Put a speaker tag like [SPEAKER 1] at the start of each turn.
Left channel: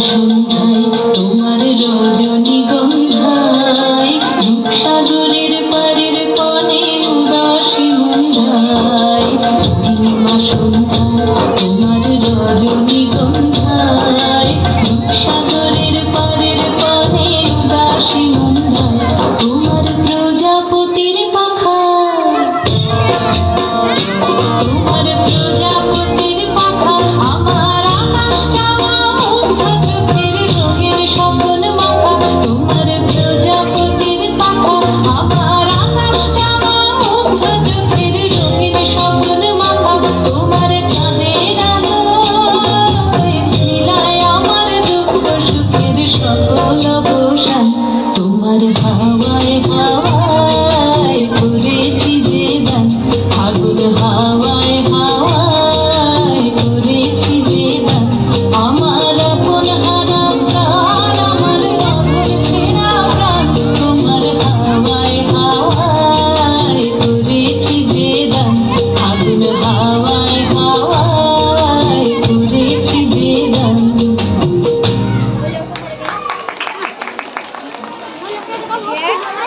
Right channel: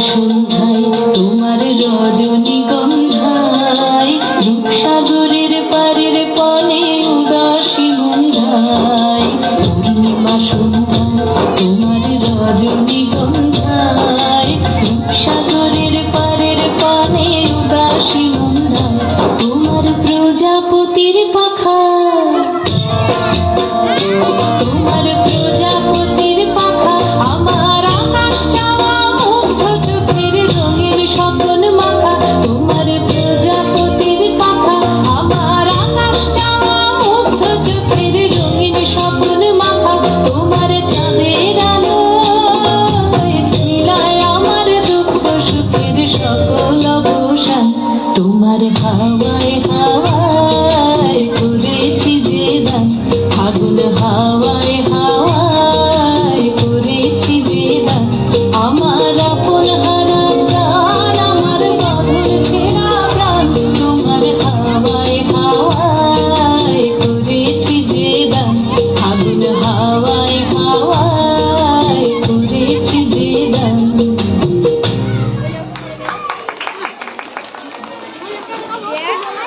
[SPEAKER 1] 수. পৃথিবীর সকল অবসান Yeah.